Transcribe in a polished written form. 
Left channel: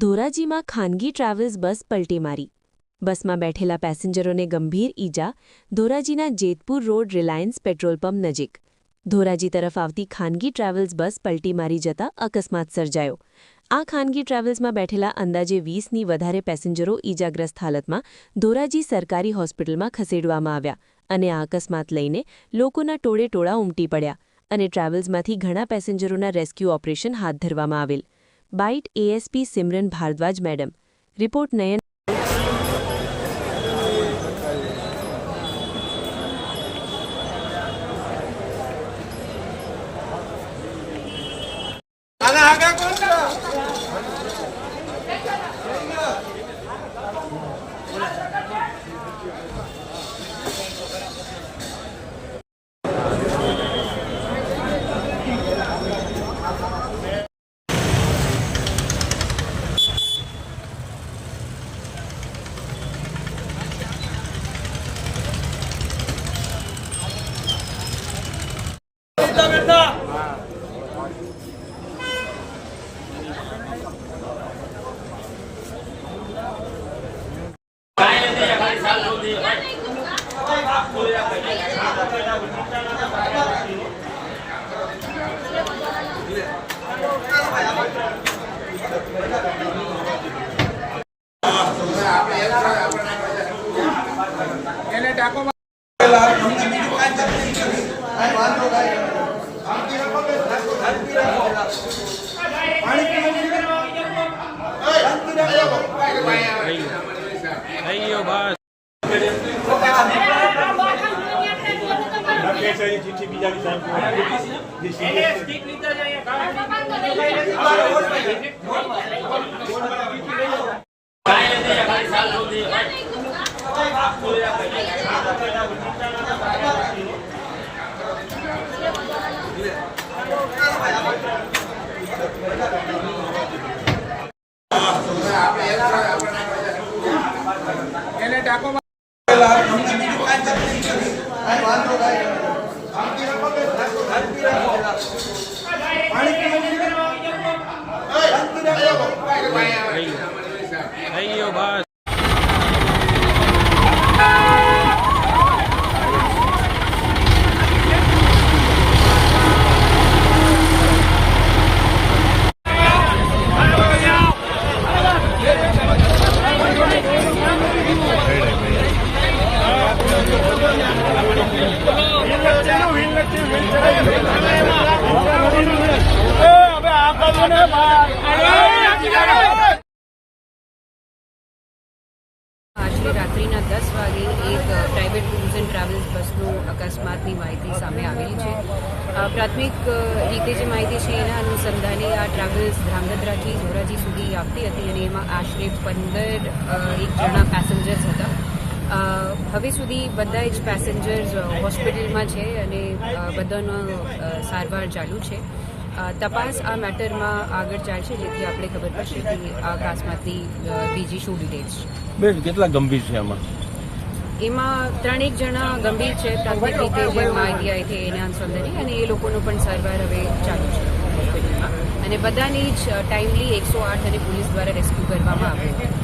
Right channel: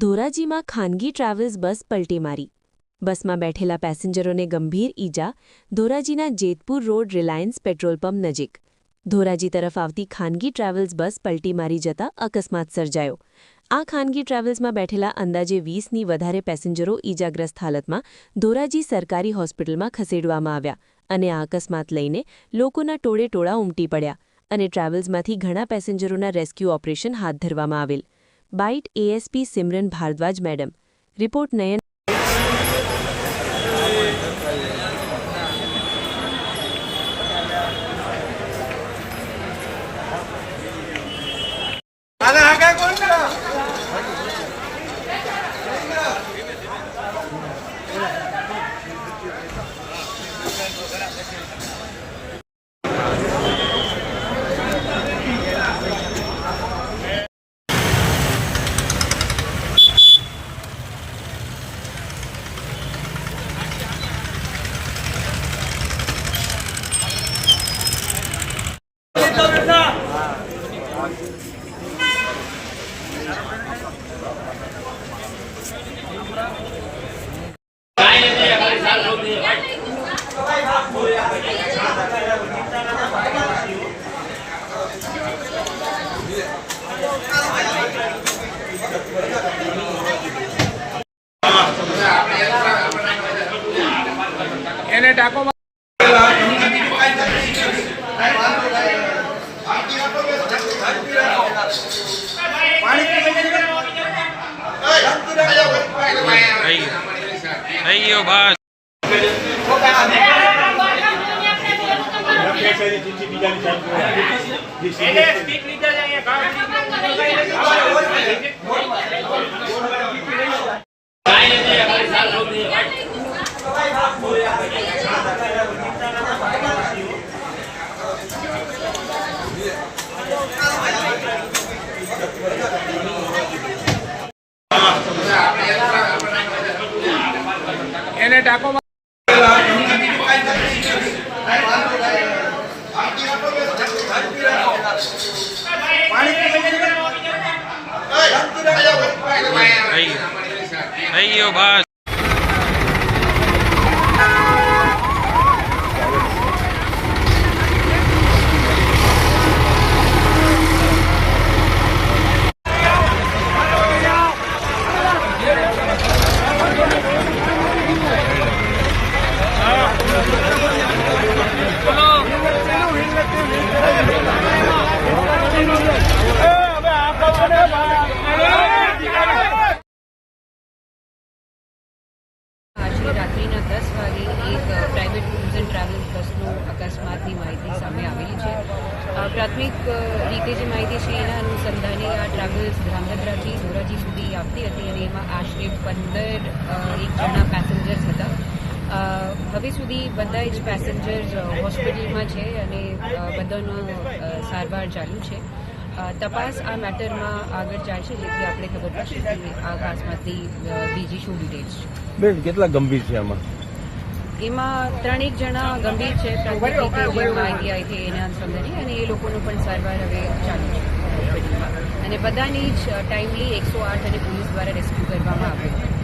ધોરાજીમાં ખાનગી ટ્રાવેલ્સ બસ પલટી મારી. બસમાં બેઠેલા પેસેન્જરોને ગંભીર ઈજા. ધોરાજીના Jetpur road Reliance petrol pump નજીક ધોરાજી તરફ આવતી ખાનગી ટ્રાવેલ્સ બસ પલટી મારી જતા અકસ્માત સર્જાયો. આ ખાનગી ટ્રાવેલ્સમાં બેઠેલા અંદાજે 20ની વધારે પેસેન્જરો ઈજાગ્રસ્ત હાલતમાં ધોરાજી સરકારી હોસ્પિટલમાં ખસેડવામાં આવ્યા અને આ અકસ્માત લઈને લોકોના ટોળે-ટોળા ઉમટી પડ્યા અને ટ્રાવેલ્સમાંથી ઘણા પેસેન્જરોના રેસ્ક્યુ ઓપરેશન હાથ ધરવામાં આવેલ. Bite ASP Simran Bhardwaj madam. Report Nayan. એને ટાકો અయ్యో બસ એને ટાકો અయ్యో બસ આજે રાત્રિના 10 વાગે એક પ્રાઇવેટ ટૂર્સ એન્ડ ટ્રાવેલ્સ બસનું અકસ્માતની માહિતી સામે આવેલી છે. પ્રાથમિક રીતે જે માહિતી છે એના અનુસંધાને આ ટ્રાવેલ્સ ધ્રાંગધ્રાથી ધોરાજી સુધી આવતી હતી અને એમાં આશરે 15 જણા પેસેન્જર્સ હતા. હવે સુધી બધા જ પેસેન્જર્સ હોસ્પિટલમાં છે અને બધાનો સારવાર ચાલુ છે. તપાસ આ મેટરમાં આગળ ચાલશે જેથી આપણે ખબર પડશે કે આ અકસ્માતની બીજી શું ડિટેલ્સ છે. બેન કેટલા ગંભીર છે એમાં 3 જણા ગંભીર છે. પ્રાથમિક રીતે જે માહિતી આવી છે એના અનુસંધાને અને એ લોકોનું પણ સારવાર હવે ચાલુ છે હોસ્પિટલમાં અને બધાની જ ટાઈમલી 108 અને પોલીસ દ્વારા રેસ્ક્યુ કરવામાં આવ્યું.